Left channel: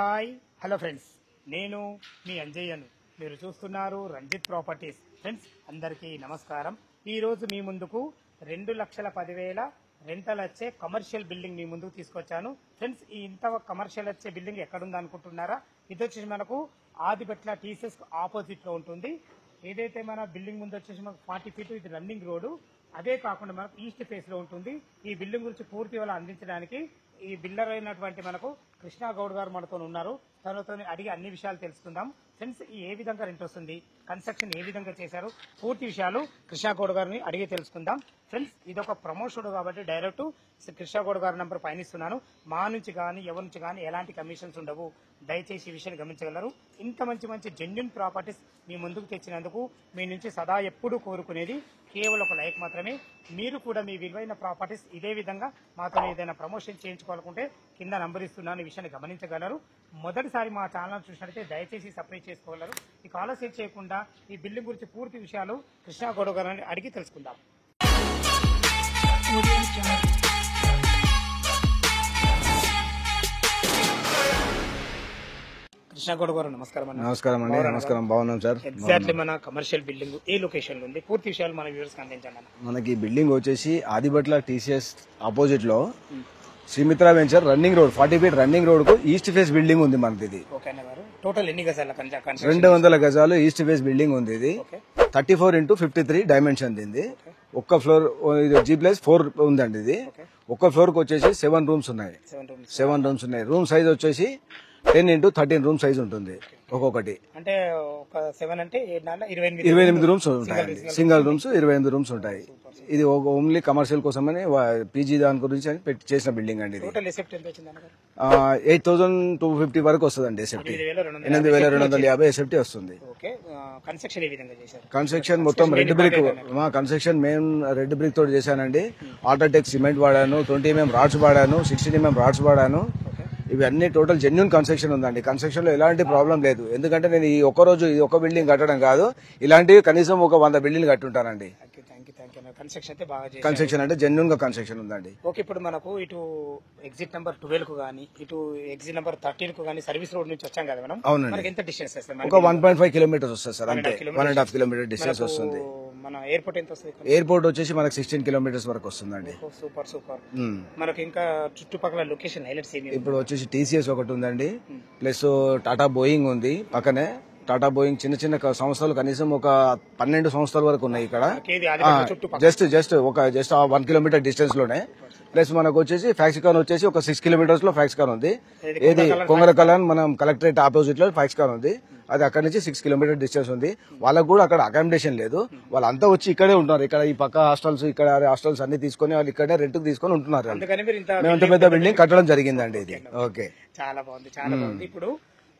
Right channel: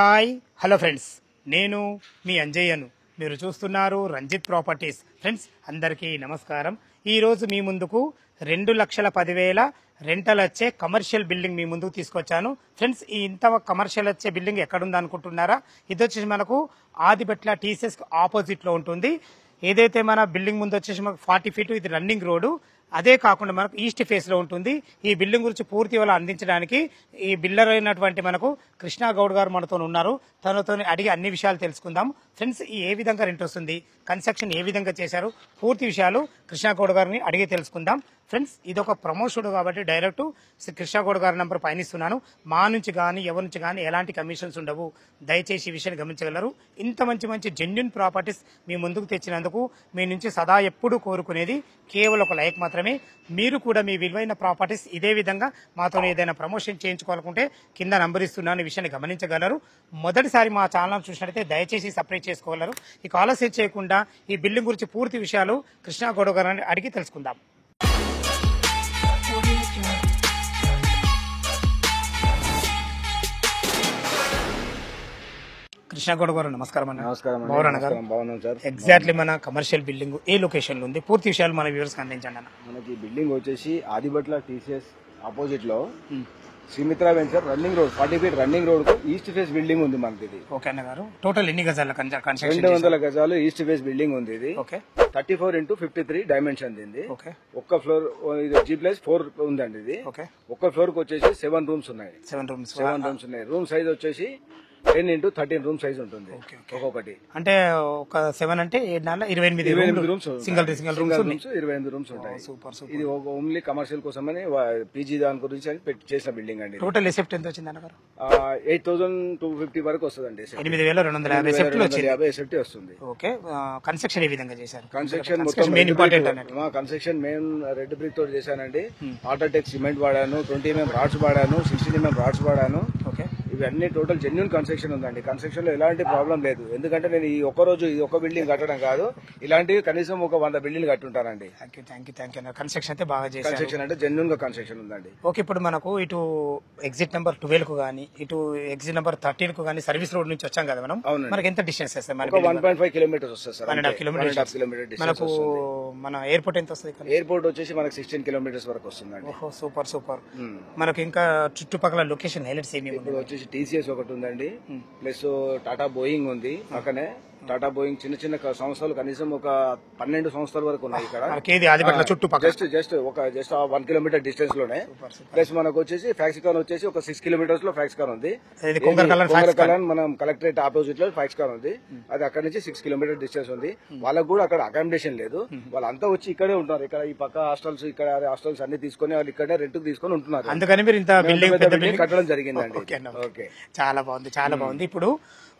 Hi hello friends, నేను మీ అంజయ్యను. మీరు చూస్తున్నారు రంజిత్ ప్రాపర్టీస్. ఫ్రెండ్స్ అందరికీ నమస్కారం. ఈరోజు మీ ముందుకు 2,10,000 రెంటల్ వచ్చే కమర్షియల్ బిల్డింగ్ మీ ముందుకు తీసుకొచ్చాను. ఫ్రెండ్స్ ఈ ఇంత కమర్షియల్ వచ్చే బిల్డింగ్ ఎక్కడుంది అనుకుంటున్నారా? ఇది వచ్చేసి మనకు ఆదిబట్ల టీసీఎస్ ఆపోజిట్లో ఉంటుంది. ఏదైతే మన బిల్డింగ్ ముందు వచ్చేసి మనకు 40 ఫీట్ ఇది రన్నింగ్ రోడ్డు. అదే కాకుండా మనకు ఈస్ట్ ఫేస్లో ఉంటుంది. ఈ బిల్డింగ్ గురించి పూర్తి వివరాలు అందించడానికి ఈ బిల్డర్ అయినటువంటి మనకు కృష్ణా గౌడ్ గారు మనతో ఉన్నారు. తనతో అడిగి అన్ని విషయాలు తెలుసుకుందాం. ఫ్రెండ్స్ ఏ విధంగా రెంట్ వస్తుంది, కన్స్ట్రక్షన్ ఏ విధంగా చేశారు, పూర్తి విషయాలు కృష్ణా గౌడ్ గారిని అడిగి తెలుసుకుందాం. ఫ్రెండ్స్ ఇది ఒక ప్రమోషన్ కాబట్టి డైరెక్ట్ కృష్ణా గౌడ్ గారి నెంబర్ పైన ఇస్తున్నాను. మా నుంచి కానీ ఎవరి నుంచి కానీ ఎలాంటి కమిషన్స్ ఉండవు. దయచేసి ఈ విషయాన్ని గమనించగలరు. ఇంత మంచి జెన్యూన్ ప్రాపర్టీస్ మీ ముందుకు తెచ్చినందుకు మీ నుంచి సదా ఎప్పుడు కోరుకునేది కేవలం ఒక లైక్ మాత్రమే. మీరు కూడా మీ విలువైన ప్రాపర్టీస్ ఇదే విధంగా మాతో ఏదైనా ప్రమోషన్ చేయించుకోవాలనుకుంటే కింద నంబర్ ఇస్తున్నాను. ఈ విషయాన్ని గమనించగలరు. మొదటిసారి మా ఛానల్ చూసినట్లయితే దయచేసి సబ్స్క్రైబ్ చేసుకోగలరు. ఈ ఆలస్యం చేయకుండా ఈ బిల్డింగ్ గురించి పూర్తి విషయాలు కృష్ణా గౌడ్ గారిని అడిగి తెలుసుకుందాం. కృష్ణా గౌడ్ గారు నమస్కారం అన్న. నమస్కారం. బాగున్నాం సార్. ఎగ్జాక్ట్లీ మన కమర్షియల్ బిల్డింగ్ ఏ లొకేషన్ లో ఉంది, పూర్తి విషయాలు మన వ్యూవర్స్ కి అందించండి అన్న. మనకి బిల్డింగ్ వచ్చేసి ఆదిబట్ల టీసీఎస్ ఆపోజిట్ లో Srimitra venture running road 40 feet running road కు ఈస్ట్ ఫేస్ బిల్డింగ్ ఉంది మనది. ఇది ఓకే అన్న గారు, టోటల్ ఎన్ని గజాలు? 200 గజాలు ఈస్ట్ ఫేస్ బిల్డింగ్ ఉంది. ఇది 34x53 డైమెన్షన్ దీన్ని. ఒక్క ఫ్లోర్ G+4 ఉందండి. ఇది ఒక్క ఫ్లోర్ కి వచ్చేసి 7 రూమ్స్ ఉన్నాయి. 7 రూమ్స్ ఉన్నాయి. రూమ్ సైజ్ వచ్చేసి 10x13 రూమ్ సైజ్ ఉంటుంది ఒక్కొక్కటి. అంటే ఒక 7 అంటే 28 రూమ్స్ సింగల్ రూమ్స్ 25 రూమ్స్ ఉంటాయి. ఇది ఓన్లీ కమర్షియల్ కోసమని పీజీ దాని గురించి చేసిన బిల్డింగ్ అండి. టోటల్ ఎసెప్ట్ ఎంత వచ్చింది అన్నగారు? 8,250 వరకు వస్తుందండి. 8,250 ఎసెప్ట్ వస్తుంది. ఓకే, కన్స్ట్రక్షన్ ఏ విధంగా చేశారు? కన్స్ట్రక్షన్ మొత్తం మా కన్స్ట్రక్షన్ మెయిన్ రెడ్ బ్రిక్ తోటి చేశానండి. ఆల్ట్రాటెక్ సిమెంట్ వాడాను, 20 mm రాడ్స్ వాడాను, 16 mm రాడ్స్ వాడాను. ఇవన్నీ టోటల్ జెన్యూన్ కన్స్ట్రక్షన్ ఉందండి. కన్స్ట్రక్షన్ లో ఎలాంటి ప్రాబ్లం లేదు. ఎందుకంటే నేను ఈ ఒక్క రోజు ఈ ఒక్క బిల్డింగ్ కట్టడం కాదు, ఇలాంటివి కనీసం ఒక 100 బిల్డింగ్ కట్టుంటానండి. కన్స్ట్రక్షన్ అయితే బాగా చేశారు. కన్స్ట్రక్షన్ అంటే జెన్యూన్ గా కన్స్ట్రక్షన్ ఉందండి. ఓకే, ఇప్పుడు మనకు ఇటు ఎగ్జిట్ నెంబర్ 12 కు గానీ ఇటు ఎగ్జిట్ నెంబర్ 13 కు గానీ సర్వీస్ రోడ్ నుంచి వచ్చాం కదా మనం. మనకి ఎంత డిస్టెన్స్ వస్తుంది? ఒక 1.5 కిలోమీటర్స్ వస్తుంది సార్. 1.5 కిలోమీటర్ డిస్టెన్స్ వస్తుంది. మన ఎయిర్పోర్ట్ ఎంత వస్తుంది? ఎయిర్పోర్ట్ వచ్చేసి మనకి 16 కిలోమీటర్స్ వరకు వస్తుందండి. సూపర్. మనకి ఇంకా చుట్టుపక్కల లొకేషన్ హైలైట్స్ ఏమి? ఇప్పుడు వచ్చేసి టీసీఎస్ ఒకటి ఉందండి, ప్లస్ టాటా బోయింగ్ ఉంది పక్కనే. టాటా బోయింగ్ చిన్న సంస్థలు కనీసం ఒక 12 సంస్థల వరకు ఉన్నాయి ఇక్కడ. జస్ట్ 1 కిలోమీటర్ డిస్టెన్స్ లోనే. ప్లస్ మనకు వచ్చేసి ఫ్యాక్సికాన్ వచ్చేసి ఒక 6 కిలోమీటర్స్ లో ఫ్యాక్సికాన్ ఉంది. కొంగరకలాన్ మనం కలెక్టరేట్ ఆపోజిట్ లో ఫ్యాక్సికాన్ ఉంది. అది అక్కడ నుంచి 6 కిలోమీటర్ డిస్టెన్స్ ఉంది. వాళ్ళకు కూడా అక్కడ అకామిడేషన్ లేదు. వాళ్ళంతా వచ్చి ఇక్కడే ఉంటారు. ఇక్కడ ఈ పక్క హాస్టల్స్, ఇక్కడ హాస్టల్స్ అన్ని తీసుకుని వాళ్ళు ఇక్కడ రెంట్ తీసుకుని ఉంటున్నారు. అందుకని మీరు ఇంత బిల్డింగ్ కట్టడం జరిగిందండి. ఓకే, చాలా బాగుంది. ఇప్పుడు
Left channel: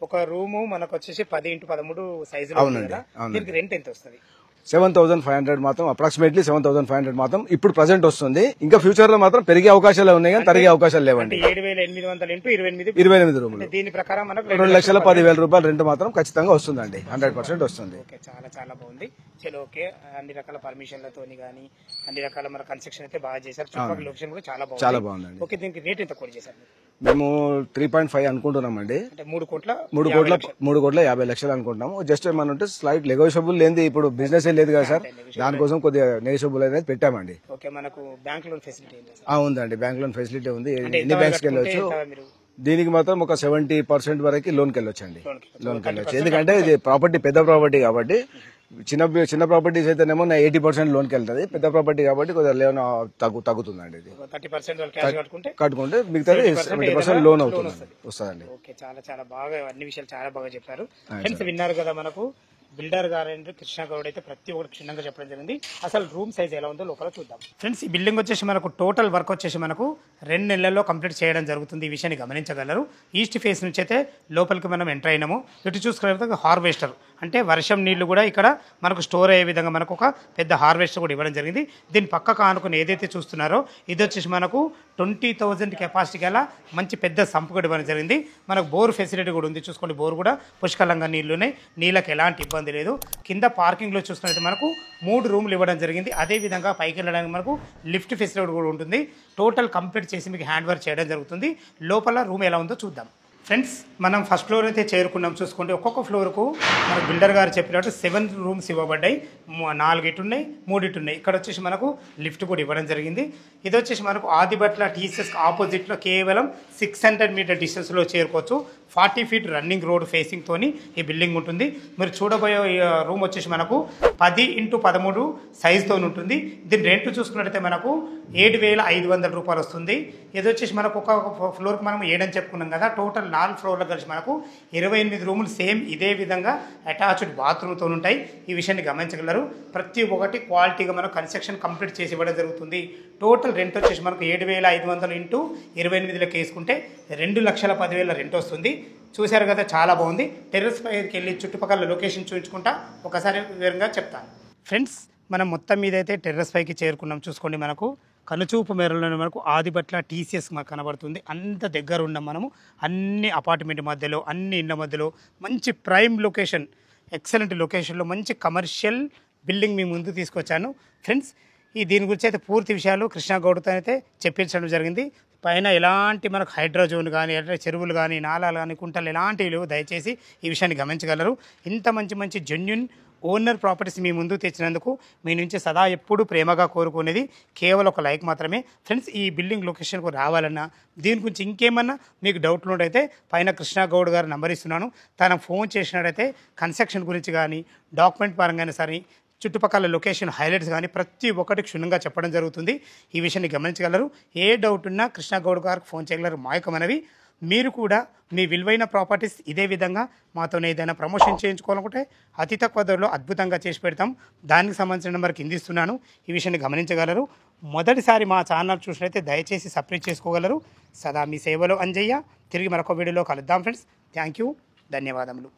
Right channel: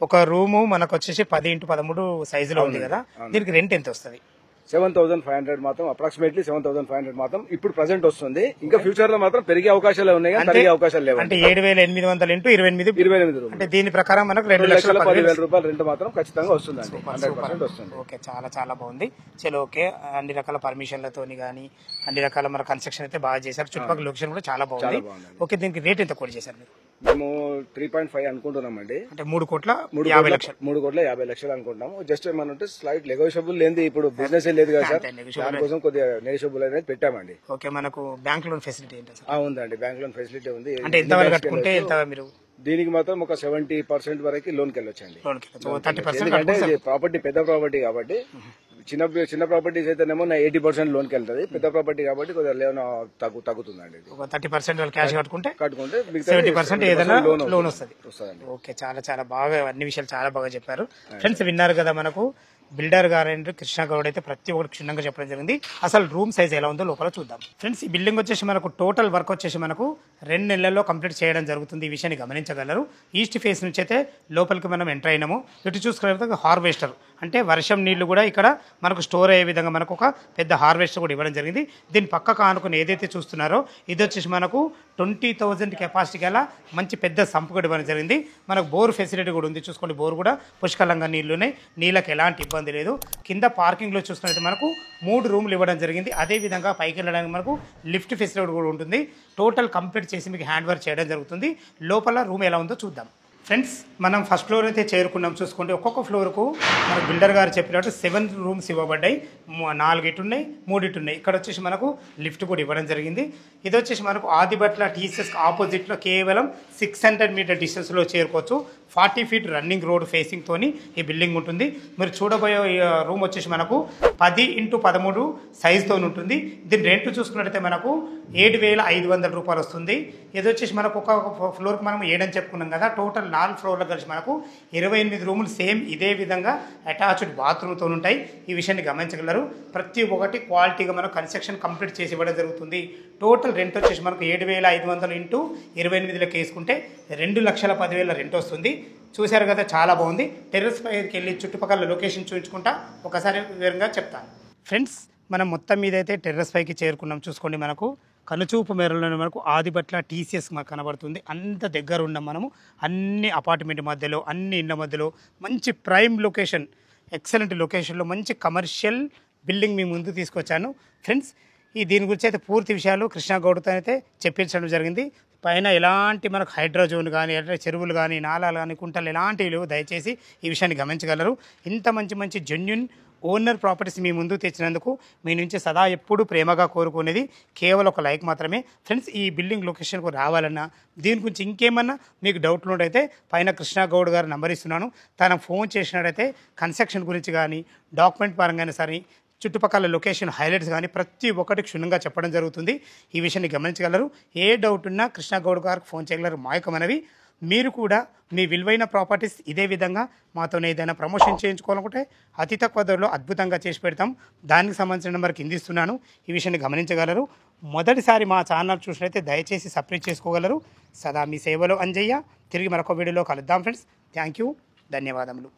ఒక రూము మనకు వచ్చేసి 10x13 సైజులో ఉంది కదా, దీనికి రెంట్ ఎంత వస్తుంది? 7,500 మాత్రం, అప్రాక్సిమేట్లీ 7,500 మాత్రం ఇప్పుడు ప్రెసెంట్ వస్తుంది. ఇంకా ఫ్యూచర్ లో మాత్రం పెరిగే అవకాశాలు ఉన్నాయి కానీ తరిగే అవకాశాలు లేవండి. 7,800 ఇంటూ 28 రూములు. దీని ప్రకారం మనకు 2,10,000 రూపాయలు రెంట్ మాత్రం ఖచ్చితంగా వస్తుందండి. 100% వస్తుంది. ఓకే, చాలా బాగుంది. చలో ఓకే, అన్ని రకాల పర్మిషన్లతోని కానీ అన్ని రకాల మన కన్స్ట్రక్షన్ అయితే బాగా చేశారు. చుట్టుపక్కల లొకేషన్ కూడా చాలా బాగుంది. ఓకే, దీనికి రేట్ ఎంత కోట్ చేశారు? మేము 3.5 అనుకుంటున్నామండి. అంటే 3,50,00,000 అనుకుంటున్నాము. జస్ట్ మనం స్లైట్ నెగోషియబుల్ లేని ఇప్పుడు బిజినెస్ లేదు కదా సార్, దానికోసం కొద్దిగా నెగోషియబుల్ అనేది పెట్టామండి. ఓకే, మనకు బ్యాంక్ లోన్ ఫెసిలిటీ ఉందండి. బ్యాంక్ లోన్ ఫెసిలిటీ ఉంది. దీనికి మాత్రం ఒక 70% వరకు లోన్కి వెళ్ళొచ్చండి. ఎందుకంటే ఇది ప్రాపర్టీ పెద్ద ప్రాపర్టీ కాబట్టి. చిన్న ప్రాపర్టీస్ అయితేనేమో 80% లోన్కి వెళ్తుంది. పెద్ద ప్రాపర్టీ కాబట్టి కొద్దిగా తగ్గుతుందండి. 30% క్యాష్ కట్టుకుంటే లోన్ వస్తుందండి. ఓకే, చాలా బాగా అన్ని విషయాలు చాలా బాగా చెప్పారు. ఫ్రెండ్స్ విన్నారు కదా, మనకు బిల్డర్ గారు కృష్ణా గౌడ్ అయితే ప్రతి ఒక్కటి క్షుణ్ణంగా చెప్పడం జరిగింది. అసలు రూమ్ సైజ్ ఎలా ఉందో లోపల చూద్దాం. ఫ్రెండ్స్ ఈ బిల్డింగ్ వచ్చేసి మనకు టోటల్ వర్క్ వచ్చేసి మనకు 2 నెలల్లో కంప్లీట్ చేయడం జరుగుతుంది. ఈ విషయాన్ని గమనించగలరు. ఈస్ట్ ఫేస్ నుంచి అయితే లోపలికి మనం ఎంటర్ అయినాము. ఇటు చూసుకునే హార్వెస్టర్ అంటే వర్షం నీళ్లు కూడా ఇక్కడ మనకు స్టోర్ అయ్యే విధంగా మనకు ఒక పెద్ద హార్వెస్టర్ కూడా ఇవ్వడం జరిగింది. దీని పక్కకు ఆనుకుని ఏదైతే చూస్తున్నారో ఇది వచ్చేసి మనకు 20,000 కెపాసిటీ గల మంచి పెద్ద సంపు కూడా ఇవ్వడం జరిగింది. మనకు బోర్ ఫెసిలిటీ కూడా ఉంది. చూసుకోండి, బోర్ కూడా పుష్కలంగా నీళ్లున్నాయి. నీళ్ళకి ఎలాంటి ఇబ్బంది లేదు. కింద పార్కింగ్లో చూసుకున్నట్టు మనకు 3 రూములు ఇవ్వడం జరిగింది. అదేవిధంగా పైకి వెళ్ళడానికి మనకు లిఫ్ట్ ఫెసిలిటీ కూడా ఉంటుంది. టోటల్ కంప్లీట్ చేసి మీకు హ్యాండ్ వర్క్ చేయడం జరుగుతుంది. లోపల రూమ్ ఎలా ఉందో చూద్దాం. ఫ్రెండ్స్ మనం ఫస్ట్ ఫ్లోర్ అయితే చేరుకున్నాం. చూసుకుంటే ఒక్కొక్క ఫ్లోర్కు మన బిల్డర్ గారు చెప్పినట్టు 7 రూమ్స్ ఇవ్వబడ్డాయి. 4 ఇటు ఉన్నాయి, 3 ఇటు ఉన్నాయి. ఇక్కడ వచ్చేసి మనకు లిఫ్ట్ కూడా ఇవ్వడం జరిగింది. ఇది వచ్చేసి మనకు ఆదిబట్ల టీసీఎస్ ఆపోజిట్లో కేవలం 600 మీటర్ డిస్టెన్స్లో చేరుకోవచ్చు. 40 ఫీట్ రన్నింగ్ రోడ్ ఫేసింగ్ తోని ఈ బిల్డింగ్ ఉంటుంది. మీరు చూడబోయే రూమ్ వచ్చేసి మనకు 10x13 సైజుతో ఉంటుంది. దీని రెంట్ చూసుకున్నట్టయితే మనకు 7,500 రూపాయలు వస్తుంది. ఇది వచ్చేసి మనకు ఒక ఫ్లోర్కి మనం 7 అని చెప్పుకున్నాం కదా, టోటల్ 4 ఫ్లోర్లకు కలిసి మనకు 28 రూములు సేమ్ ఇదే విధంగా అటాచ్డ్ బాత్రూమ్తో ఉంటాయి. ఈ విషయాన్ని గమనించగలరు. ప్రతి ఒక్కటి క్వాలిటీగా మనం కన్స్ట్రక్షన్ కంప్లీట్ చేసి ఇవ్వడం జరుగుతుంది. టోటల్ రెంట్ వచ్చేసి మనకు 7,500 ఇంటూ 28 వేసుకుంటే 2,10,000 రెంట్ వస్తుంది. చూశారు కదా, చాలా బాగుంది. టెర్రస్ పైకి వెళ్ళి చుట్టుపక్కల లొకేషన్ చూపించుకుంటా ఒకసారి వివరంగా చెప్తాను. ఫ్రెండ్స్ మనం మొత్తం మీద అయితే టెర్రస్ పైకి చేరుకున్నాం. చూసుకోండి, మనకు కనుచూపు మేరలోనే మనకు ఆదిబట్ల టీసీఎస్ మాకు కనబడుతుంది. అంత దగ్గర ఉన్నాం మనము. అన్ని అపార్ట్మెంట్ మధ్యలో, అన్ని ఇండ్ల మధ్యలో మంచి ప్రైమ్ లొకేషన్, ఎక్సలెంట్ లొకేషన్లో మంచి కమర్షియల్ బిల్డింగ్ మీ ముందు తీసుకొచ్చాను. ఫ్రెండ్స్ దీని గురించి అయితే పూర్తి విషయాలు కృష్ణ గౌడ్తో అయితే చెప్పించడం జరిగింది. పైన ఎలాంటి మనకు హైడ్రోజోన్ కానీ, చెరువులు కానీ, నాలాలు కానీ, కుంటలు ఎలాంటివి లేవు. దయచేసి ఈ విషయాన్ని గమనించగలరు. ఇంత మంచి జెన్యున్ ఓనర్ ప్రాపర్టీస్ మీ ముందు తెచ్చినందుకు మీ నుంచి సదా ఎప్పుడు ప్రేమగా కోరుకునేది కేవలం ఒక లైక్ మాత్రమే. ఫ్రెండ్స్ ఈ బిల్డింగ్ లొకేషన్కు రావాలన్నా, దీని గురించి ఇంకేమన్నా మీకు డౌట్లు ఉంటే పైన కృష్ణ గౌడ్ గారు నంబర్ ఇస్తున్నాను. తన ఫోన్ చేసినట్టయితే కన్స్ట్రక్షన్ గురించి కానీ, డాక్యుమెంట్ పరంగానే సరే, చుట్టుపక్కల లొకేషన్ హైలైట్స్ కానీ ప్రతి ఒక్కటి క్షుణ్ణంగా చెప్పడం జరుగుతుంది. ఈ విషయాన్ని గమనించగలరు. ఏ డౌట్ ఉన్నా కృష్ణ గౌడ్ గారికి ఫోన్ చేయగలరు. మాయకమనవి మీరు కూడా మీ విలువైన ప్రాపర్టీస్ ఇదే విధంగా మాతో ఏదైనా ప్రమోషన్ చేయించుకోవాలనుకుంటే అతి తక్కువ ధరలో అద్భుతంగా చేసి పెడతాం. దానికి సంబంధించిన నెంబర్ కింద ఇస్తున్నాను. ఈ విషయాన్ని గమనించగలరు. మొదటిసారి మా ఛానల్ చూసినట్లయితే దయచేసి సబ్స్క్రైబ్ చేసుకోగలరు. సదా మీ సేవలో అంజయ్య. తిరిగి మరొక వీడియోలో కలుద్దాం ఫ్రెండ్స్. థ్యాంక్ యూ, ధన్యవాదములు.